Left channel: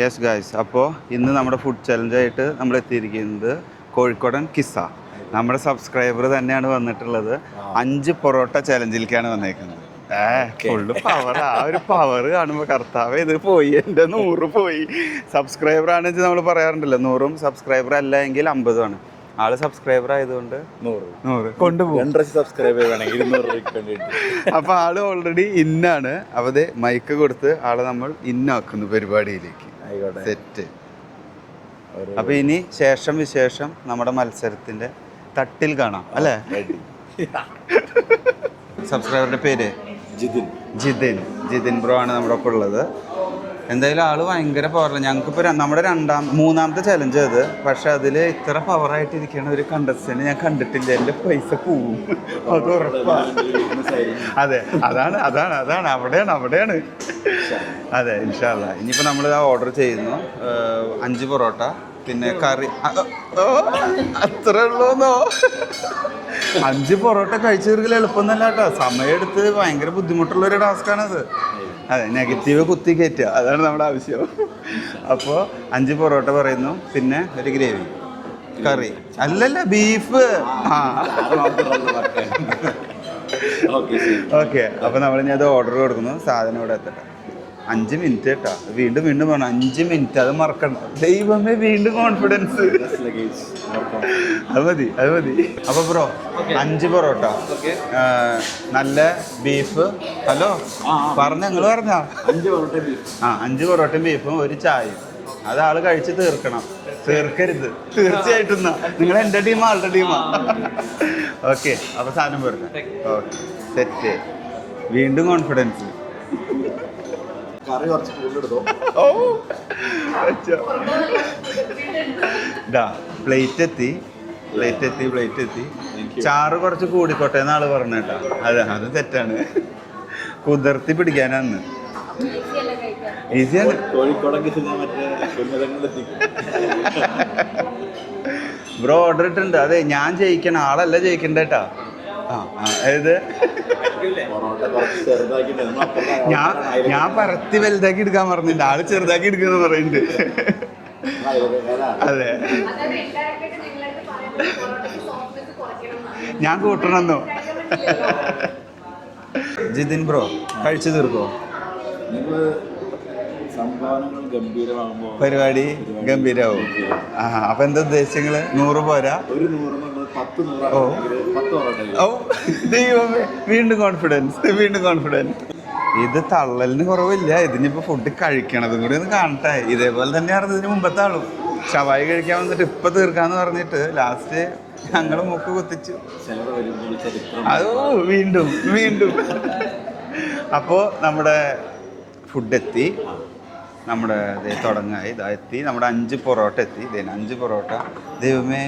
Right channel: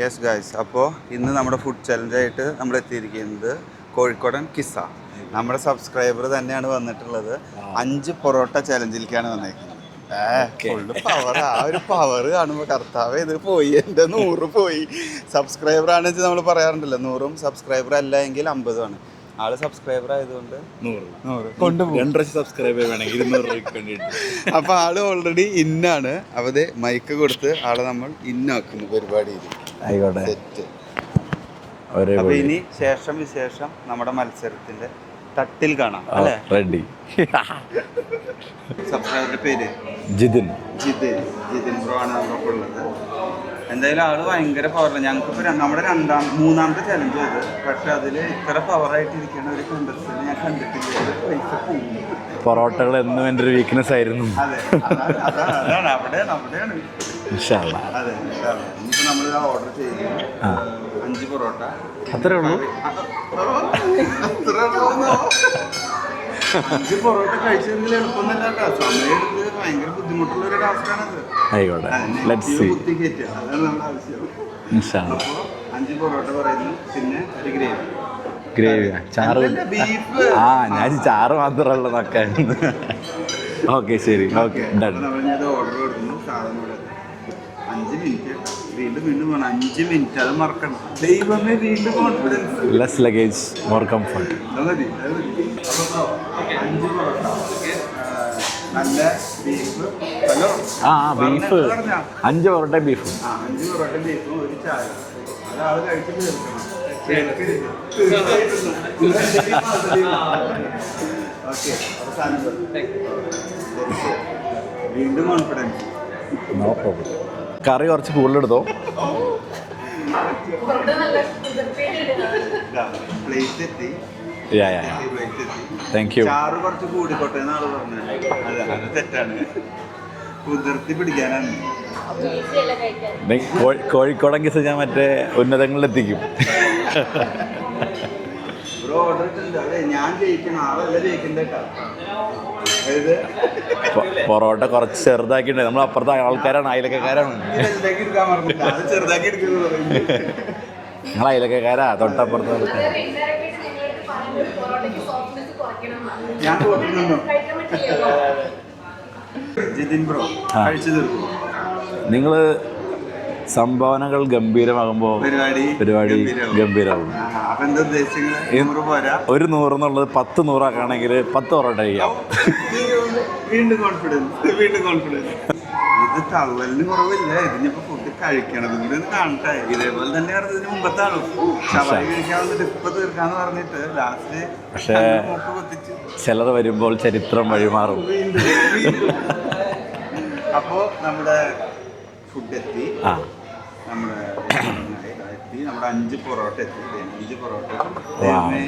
Yes guys, അപ്പോൾ ഇന്ന് നമ്മുടെ ഫുഡ് ചലഞ്ചായിട്ട് നമ്മൾ എത്തിയിരിക്കുന്നത് കോഴിക്കോടൻ കിസ്സ. നമ്മുടെ സബ്സ്ക്രൈബർ തന്നെയാണ് വന്നിട്ടുള്ളത്. 5 പൊറോട്ട ചലഞ്ചിലേക്കാണ് വന്നേക്കുന്നത്. Full power. ആ ഒരു പവർ കാണുമ്പോൾ കർത്താവ് ഇത് പോയി, എൻ്റെ 100 പോയി. സബ്സ്ക്രൈബറാണെന്ന് വെച്ചാൽ നമ്മൾ പറയാറുണ്ടല്ലോ, 100 സബ്സ്ക്രൈബർ അല്ല എങ്കിൽ 50 ആള് സബ്സ്ക്രൈബർ ആയതുകൊണ്ട് 100 കൊണ്ടുപോകും. സബ്സ്ക്രൈബ് ചെയ്താണെങ്കിൽ 200 രൂപയ്ക്ക് വേണ്ടിയിട്ട്. അപ്പോൾ ആള് ഓൾറെഡി ഇന്നാണ്. അവത് മൈക്ക് കൊടുത്ത് ആളെ നമ്മൾ ഇന്നാക്കുന്നു പരിപാടിയിലേക്ക്. ആയിക്കോട്ടെ, സെറ്റ്. അപ്പോൾ ഇനി ശേഷം വിശേഷം നമ്മുടെ മത്സരത്തിന്റെ തട്ടിൽ കാണാം അല്ലേ? റെഡി. സബ്സ്ക്രൈബറുടെ പേര് ജിതിൻ ബ്രോ ആണ് നമ്മുടെ ഒപ്പം ഉള്ളത്. എന്തായാലും ആള് ഭയങ്കര പവർ. ഞങ്ങൾക്കിപ്പോൾ നമ്മുടെ മൂന്നാമത്തെ ചലഞ്ച് അത്. പക്ഷെ അതിൽ ഇത്ര പവറായിട്ട് ഇരിക്കുന്ന ഒരു കണ്ടസ്റ്റന്റ് ഞാൻ കണ്ടിട്ടില്ല. എൻ്റെ പൈസ പോവും. വീക്ക്നെസ് ആയിരുന്നു. അതെ, അതാണ് അവിടെയാണ്. അതെ, ഇൻഷാ അല്ലാ. ഇനിയിപ്പോൾ നമ്മൾ ഓർഡർ ചെയ്യുന്നു 5 പൊറോട്ട, പിന്നെ കറി. അത്ര എളുപ്പമോ? 5 പൊറോട്ട കഴിച്ചു തീർക്കൽ എളുപ്പമൊന്നുമല്ല കേട്ടോ. സമയമെടുത്ത് ഭയങ്കര ബുദ്ധിമുട്ടുള്ള ഒരു ടാസ്കാണത്. അതെ, നെഗറ്റീവ് കുത്തി കയറ്റുക, അതാണ് നമ്മുടെ ആവശ്യം. അപ്പോൾ 5 പൊറോട്ട പറയുന്നു, പിന്നെ ഒരു ഗ്രേവി. അല്ലല്ല, ബീഫ്. അപ്പോൾ നമ്മളിനി അത് ഓർഡർ കൊടുക്കുന്നു. സാധനം ഇവിടെ എത്തണം. 5 മിനിറ്റ് കേട്ടോ. വീണ്ടും പറഞ്ഞു 5 മിനിറ്റ്, അത് മറക്കണം. ദൈവമേ, വീണ്ടും കോൺഫിഡൻസ്. അത് മതി. അപ്പൊ ബ്രോ 5 പൊറോട്ട, നല്ല ബീഫ്. ഹലോ, 5 പൊറോട്ടയും ബീഫും. 5 പൊറോട്ടയും ബീഫും, ഒരു ചായ. അതാള് കഴിച്ച് തീർക്കണം. തീർക്കരുത് തീർച്ചയായിട്ടും. നിങ്ങൾ എൻ്റെ ടീമാ, ആളുടെ ടീമാ. ഓക്കെ, അപ്പൊ സാധനം വരും. സെറ്റ്. വീണ്ടും കോൺഫിഡൻസ്. കറി കുറച്ച് കൂടുതലെടുത്തോ. പ്ലേറ്റ് എത്തി. ചാറ് കുറച്ച് കൂടിക്കോട്ടെ എന്നാള് പറഞ്ഞേട്ടോ. അതെ, അത് തെറ്റാണ്. കുതിർത്തി പിടിക്കാനാണ്. കോഴിക്കോടൻ കിസ്സ ഞാൻ മറ്റേ ഉന്നതങ്ങളിലെത്തിക്കും. ബ്രോ ഓർഡർ ഇട്ടുണ്ട്. അതെ, ഞാൻ ജയിക്കണം, ആളല്ല ജയിക്കണ്ടേട്ടാ. അതായത് പൊറോട്ട കുറച്ച് ചെറുതാക്കിണ്ടേ, നമ്മൾ അപ്പുറത്തെ ആൾക്കാരാണ്. ഞാൻ പരത്തി വലുതാക്കി എടുക്കാൻ പറഞ്ഞില്ല, ആള് ചെറുതാക്കി എടുക്കുന്ന പറയുന്നുണ്ട്. നിങ്ങൾ അയലക്കാരാ, തൊട്ടപ്പുറത്ത്. ഞാൻ കൂട്ടണമെന്നോ? ജിതിൻ ബ്രോ കഴിച്ചു തീർക്കോ? നിങ്ങൾ സംഭാവനകൾ ഗംഭീരമാകുമ്പോൾ പരിപാടി ഗംഭീരമാകും. അപ്പൊ എന്താ ഉദ്ദേശിച്ചത്? 100 പോരാ, ഒരു 100 എന്നുള്ളത് 10 100 10 പൊറോട്ട. വീണ്ടും കോൺഫിഡൻസ്. ഇത് തള്ളലിന് കുറവില്ല. ഇതിനിപ്പോ ഫുഡ് കഴിക്കണതും കൂടി ഒന്ന് കാണട്ടെ. ഇതേപോലെ തന്നെയാണ് ഇതിന് മുമ്പത്തെ ആളും. ഷവായി കഴിക്കാൻ വന്നിട്ട് ഇപ്പൊ തീർക്കാന്ന് പറഞ്ഞിട്ട് ലാസ്റ്റ് മൂക്ക് കുത്തിച്ചു. ചിലർ വരുമ്പോൾ ചരിത്രം വീണ്ടും. അപ്പോ നമ്മുടെ ഫുഡ് എത്തി. നമ്മുടെ തുടങ്ങായി എത്തി. നമ്മുടെ 5 പൊറോട്ട എത്തി. 5 പൊറോട്ട. ദൈവമേ,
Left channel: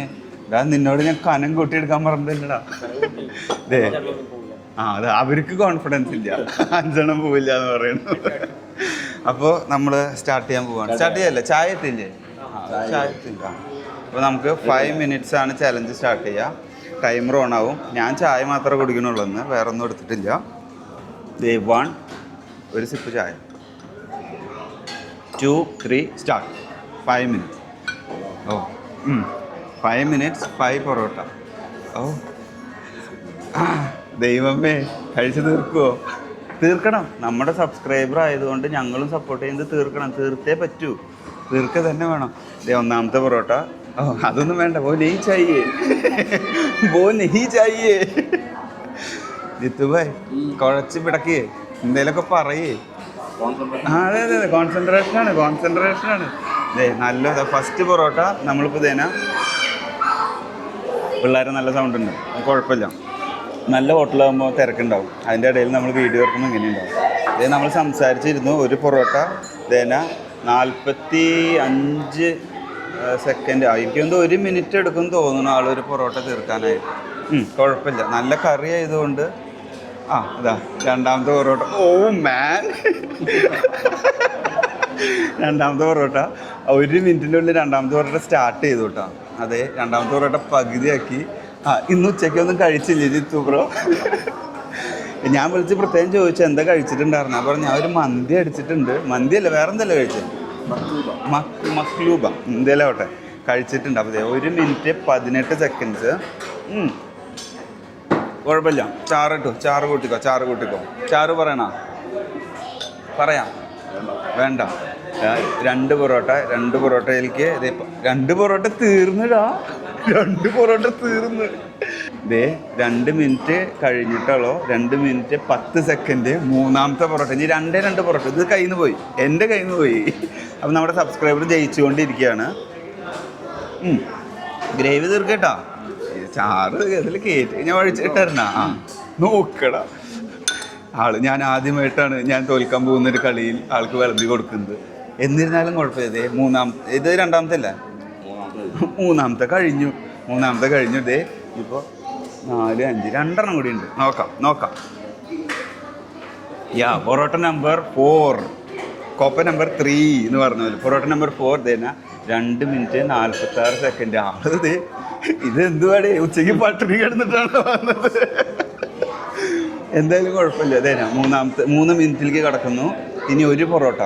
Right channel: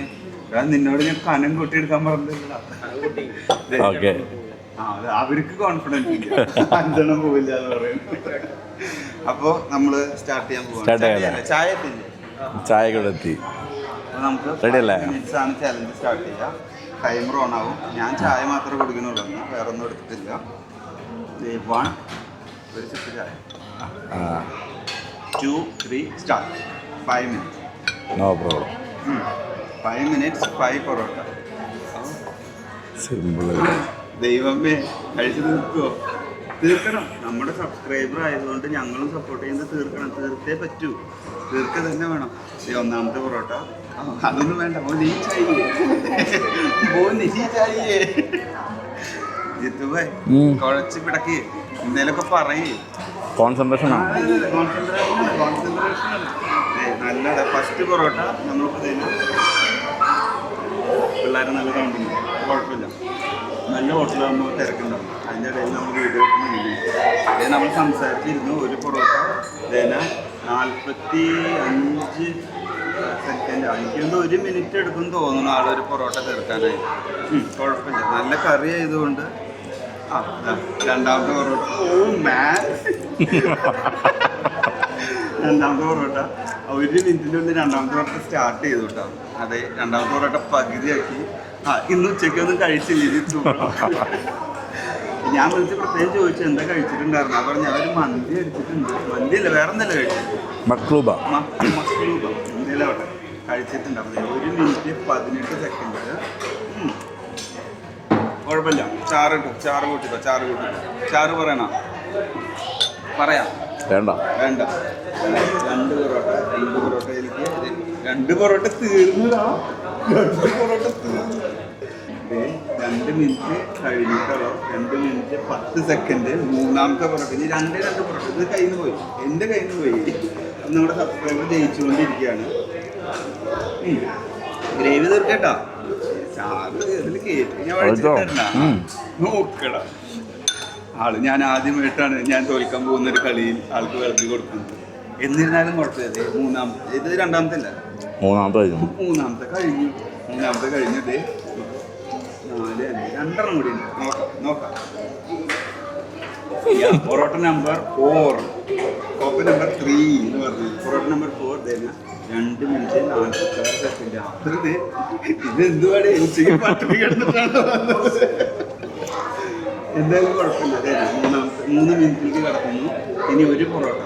നിന്നോട് ഞാൻ കനം കൂട്ടിയെടുക്കാൻ പറഞ്ഞില്ലടാ. അത് അവർക്ക് കോൺഫിഡൻസ് ഇല്ല, 5 എണ്ണം പോവില്ല എന്ന് പറയുന്നു. അപ്പോൾ നമ്മള് സ്റ്റാർട്ട് ചെയ്യാൻ പോവാണ്. ചായ എത്തില്ലേ? അപ്പോൾ നമുക്ക് 5 മിനിറ്റ്സ് ആണ് ചലഞ്ച് സ്റ്റാർട്ട് ചെയ്യുക. ടൈമർ ഓൺ ആവും. ഞാൻ ചായ മാത്രമേ കുടിക്കണുള്ളൂ, വേറെ ഒന്നും എടുത്തിട്ടില്ല. 1 ഒരു സിപ്പ് ചായ. 2 3 സ്റ്റാർട്ട്. 5 മിനിറ്റ്സ്. 5 മിനിറ്റ്സ് 5 പൊറോട്ട. ദൈവമേ, കഴിച്ച് തീർക്കണം. നമ്മുടെ സബ്സ്ക്രൈബർ ആയതുകൊണ്ട് ഞങ്ങളും സപ്പോർട്ട് ചെയ്യുന്നത് തീർക്കണം. തീർത്തേ പറ്റൂ, തീർക്ക തന്നെ വേണം. ഒന്നാമത്തെ പൊറോട്ട. അതൊന്നും വേണ്ട. ജിത്തുഭായ് കുഴച്ച് പിടക്കേ, എന്തേലൊക്കെ പറയേ. കോൺസെൻട്രേഷനാണ്. നല്ല ഫസ്റ്റ് പൊറോട്ട നമ്മളിപ്പോൾ തേനാ. പിള്ളേർ നല്ല സൗണ്ട് ഉണ്ട്, കുഴപ്പമില്ല. നല്ല ഹോട്ടലാകുമ്പോൾ തിരക്കുണ്ടാവും. അതിൻ്റെ ഇടയിൽ നമ്മൾ വീഡിയോ വെക്കുമ്പോൾ ഇങ്ങനെയുണ്ടാവും. ഇത് നമ്മൾ സംസാരിച്ചിരുന്നു. ഒരു പൊറോട്ട തേന 45 സെക്കൻഡ് ആയിരിക്കും. 1 മിനിറ്റ് എടുക്കും തോന്നുന്നു ആളൊരു പൊറോട്ട തീർക്കാനായി. കുഴപ്പമില്ല, നല്ല കറി ആയതുകൊണ്ട്. ഇതാ രണ്ടാമത്തെ പൊറോട്ട. രണ്ടാമത്തെ പൊറോട്ട 1 മിനിറ്റിനുള്ളിൽ രണ്ടാമത്തെ പൊറോട്ട സ്റ്റാർട്ട് ചെയ്തു കേട്ടോ. അതെ, രണ്ടാമത്തെ പൊറോട്ട പകുതിയാക്കി. ഇന്ന് ഉച്ചയ്ക്കൊന്നും കഴിച്ചില്ല ജിത്തു ബ്രോ. ഞാൻ വിളിച്ച് പ്രത്യേകം ചോദിച്ചു എന്താ കഴിച്ചിട്ടുണ്ടായിരുന്നു. അപ്പോൾ ഞാൻ ഒരു മന്തി അടിച്ചിട്ടുണ്ട്. മന്തിയല്ല, വേറെ എന്തല്ലോ കഴിച്ചത്. മക്ലൂബ എന്തേലും ആവട്ടെ കഴിച്ചിട്ടുണ്ട്. അപ്പോൾ 1 മിനിറ്റ് 18 സെക്കൻഡ്സ്. കുഴപ്പമില്ല. ചാറ് കൂട്ടിക്കോ. ചാറ് പറയണോ? പറയാം. വേണ്ട. 2 പൊറോട്ട. 2 പൊറോട്ടയിലേക്ക് 2 പൊറോട്ട തീർന്നിടാ. 2 പൊറോട്ട തീർന്ന്. 2 മിനിറ്റ് കഴിഞ്ഞിട്ടുള്ളൂ. 2 മിനിറ്റ് 10 സെക്കൻഡ്. മൂന്നാമത്തെ പൊറോട്ട. ഇനി 2 പൊറോട്ട. ഇത് കയ്യിൽ നിന്ന് പോയി, എൻ്റെ കയ്യിൽ നിന്ന് പോയി. അപ്പം നമ്മുടെ സബ്സ്ക്രൈബർ ജയിച്ചുകൊണ്ടിരിക്കുകയാണ്. ഗ്രേവി തീർക്കട്ടോ. ചാറ് ഇതിൽ കയറ്റി ഞാൻ ഒഴിച്ചിട്ടായിരുന്ന നോക്കടാ. ഞാൻ ആദ്യമായിട്ടാണ് ഞാൻ തോൽക്കാൻ പോകുന്ന ഒരു കളിയിൽ ആൾക്ക് വിളമ്പി കൊടുക്കുന്നത്. എന്നിരുന്നാലും കുഴപ്പമില്ല. ഇത് രണ്ടാമത്തെ അല്ല, മൂന്നാമത്തെ കഴിഞ്ഞു. ഇതേ ഇപ്പോൾ 4, 5 2 കൂടി ഉണ്ട്. നോക്കാം. പൊറോട്ട നമ്പർ 4, കോപ്പ നമ്പർ 3 എന്ന് പറഞ്ഞത്. പൊറോട്ട നമ്പർ 4 തന്നെ 2 മിനിറ്റ് 46 സെക്കൻഡ്. ഇത് എന്തുവാടെ ഉച്ചയ്ക്ക് പട്ടിണി കിടന്നിട്ടാണ് വന്നത്. എന്തായാലും കുഴപ്പമില്ല. അതേ 3 മിനിറ്റിലേക്ക് കിടക്കുന്നു. ഇനി 1 parotta.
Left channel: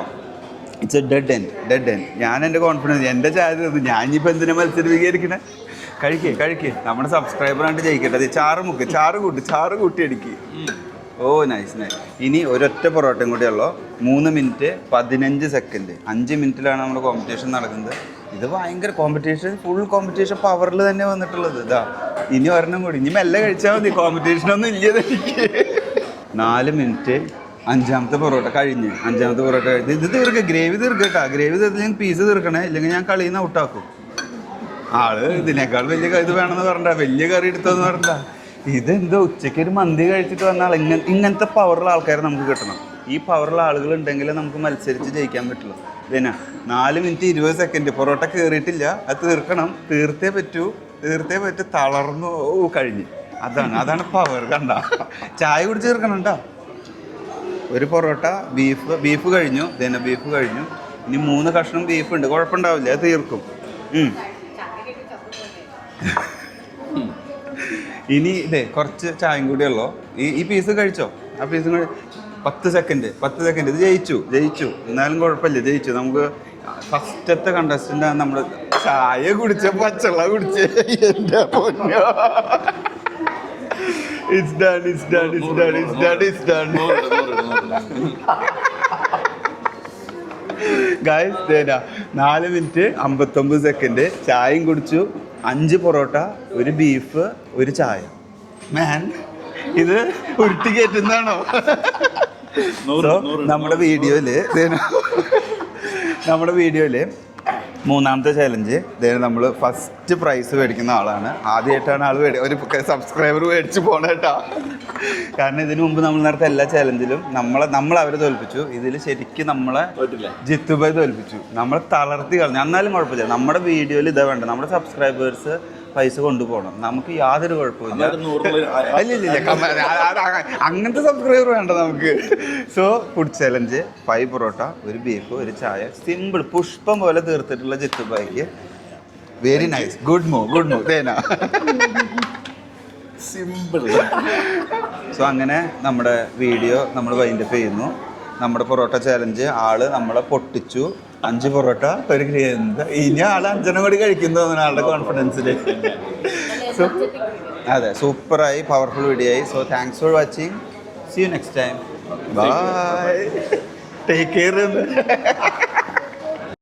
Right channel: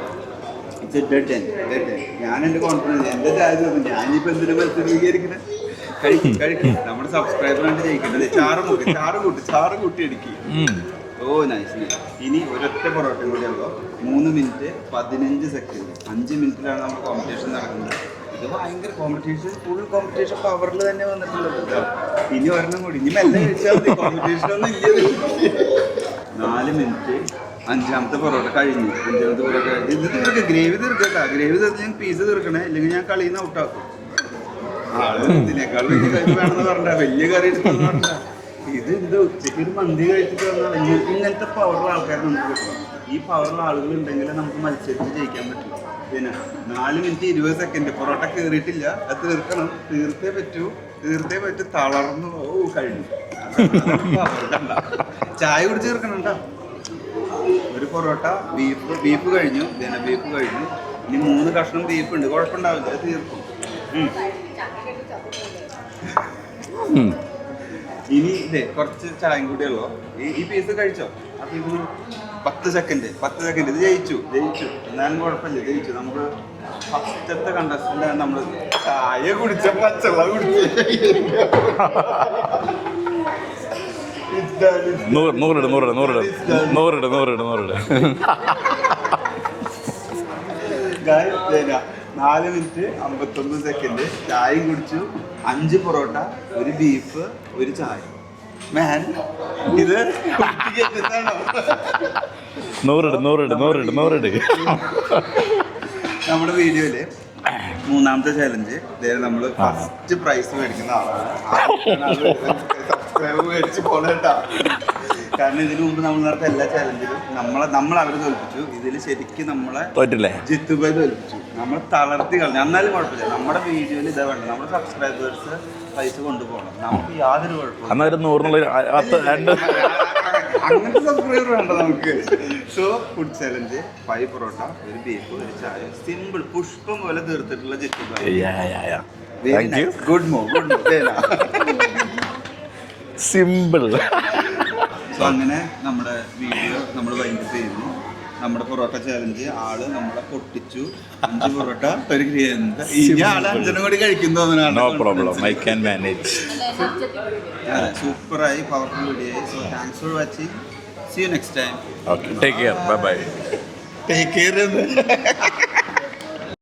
It's A dead end. ഞാൻ എൻ്റെ കോൺഫിഡൻസ്, എൻ്റെ ചാൻസ് ഞാനിപ്പോൾ എന്തിനാ മത്സരിപ്പിക്കാതിരിക്കണേ? കഴിക്കും. നമ്മുടെ സബ്സ്ക്രൈബറായിട്ട് ജയിക്കട്ടെ. ചാറ് കൂട്ടി അടിക്കും. ഓ നൈസ്. ഇനി ഒരൊറ്റ പൊറോട്ടയും കൂടി ഉള്ളൂ. 3 മിനിറ്റ് 15 സെക്കൻഡ്. 5 മിനിറ്റിലാണ് നമ്മുടെ കോമ്പറ്റീഷൻ നടക്കുന്നത്. ഇത് ഭയങ്കര ഫുൾ കോമ്പറ്റീഷൻ പവറിൽ തന്നെ വന്നിട്ടുള്ളത്. ഇതാ ഇനി ഒരെണ്ണം കൂടി. ഇനി മെല്ലെ കഴിച്ചാൽ മതി, കോമ്പറ്റീഷനൊന്നും ഇല്ല. 4 മിനിറ്റ് 5ാമത്തെ പൊറോട്ട കഴിഞ്ഞു. ഇത് തീർക്കും. ഗ്രേവി തീർക്കട്ടാ. ഗ്രേവി തീർത്ത് പീസ് തീർക്കണേ, ഇല്ലെങ്കിൽ ഞാൻ കളിയിൽ നിന്ന് ഔട്ടാക്കും. ഇതിനേക്കാൾ വലിയ ഇത് വേണമെന്ന് പറഞ്ഞാ, വലിയ കറി എടുത്തതെന്ന് പറഞ്ഞാ. ഇതെന്തോ ഉച്ചയ്ക്ക് ഒരു മന്തി കഴിച്ചിട്ട് വന്നാൽ ഇങ്ങനത്തെ പവറുള്ള ആൾക്കാർ നമുക്ക് കിട്ടണം. ഈ പവറുള്ള ആളുകൾ ഉണ്ടെങ്കിൽ നമുക്ക് മത്സരിച്ച് ജയിക്കാൻ പറ്റില്ല. പിന്നെ 4 മിനിറ്റ് 20 സെക്കൻഡ്. പൊറോട്ട കയറിയിട്ടില്ല, അത് തീർക്കണം. തീർത്തേ പറ്റൂ. തളർന്നു കഴിഞ്ഞു. അതാണ് പവർ. കണ്ട, ചായ കുടിച്ച് തീർക്കണം കേട്ടോ. 1 പൊറോട്ട. ബീഫ് കഴിഞ്ഞു. ഇനി 3 കഷ്ണം ബീഫ് ഉണ്ട്. കുഴപ്പമുണ്ടാവില്ല, അത് തീർക്കും. ഇനി കുറച്ച് ചായയും കൂടി ഉള്ളൂ. ഈ പീസ് കഴിച്ചോ. ആ പീസ് 10 സെക്കൻഡ്. ഇത് ജയിച്ചു. എന്നാലും കുഴപ്പമില്ല, ജയിച്ചു. നമുക്ക് ഫസ്റ്റത്തെ കണ്ടസ്റ്റന്റ് നമ്മൾ ചായ കുടിച്ച് പച്ചവെള്ളം കുടിച്ച് ഗായ്സ് 4 മിനിറ്റ് 59 സെക്കൻഡ്. ചായയും കുടിച്ചു. 5 പൊറോട്ട, 1 ബീഫ്, 1 ചായ. മാൻ, ഇത് കുരുട്ടി കയറ്റുന്നതാണോ? നമ്മുടെ വീഡിയോയില് 3ാമത്തെ ചാലഞ്ച്. നമ്മൾ ഫസ്റ്റ് പ്രൈസ് മേടിക്കുന്ന ആളാണ്. ആദ്യമായിട്ടാണ് ഒരു സബ്സ്ക്രൈബർ മേടിച്ച് പോണേട്ടാ. കാരണം ഇതിനു മുമ്പ് നമ്മൾ നടത്ത എല്ലാ ചാലഞ്ചിലും നമ്മൾ അവരെ തോൽപ്പിച്ചു. ഇതിൽ ശരിക്കും നമ്മളെ ജിത്തുബായി തോൽപ്പിച്ചു. നമ്മൾ തളർത്തി കളഞ്ഞു. എന്നാലും കുഴപ്പമില്ല. നമ്മുടെ വീഡിയോയിൽ ഇതാ വേണ്ട. നമ്മുടെ സബ്സ്ക്രൈബേഴ്സ് പൈസ കൊണ്ടുപോകണം. നമുക്ക് യാതൊരു കുഴപ്പമില്ല. അങ്ങനത്തെ സബ്സ്ക്രൈബർ വേണ്ട നമുക്ക്. So food challenge 5 parotta, 1 beef, 1 ചായ. സിമ്പിൾ, പുഷ്പം പോലെ തീർത്തിട്ടുള്ള Jithubhai. Very nice. Good move. Simple. So അങ്ങനെ നമ്മുടെ വീഡിയോ നമ്മൾ വൈൻഡപ്പ് ചെയ്യുന്നു. നമ്മുടെ പൊറോട്ട ചാലഞ്ച് നമ്മളെ പൊട്ടിച്ചു. 5 പൊറോട്ട, 1 ഗ്രേവി. ഇനി 5 കൂടി കഴിക്കും തോന്നുന്നു ആളുടെ കോൺഫിഡൻസിൽ. അതെ, സൂപ്പറായി, പവർഫുൾ വീഡിയോ ആയി. So thanks for watching. See you next time. Take care. Bye. Take care.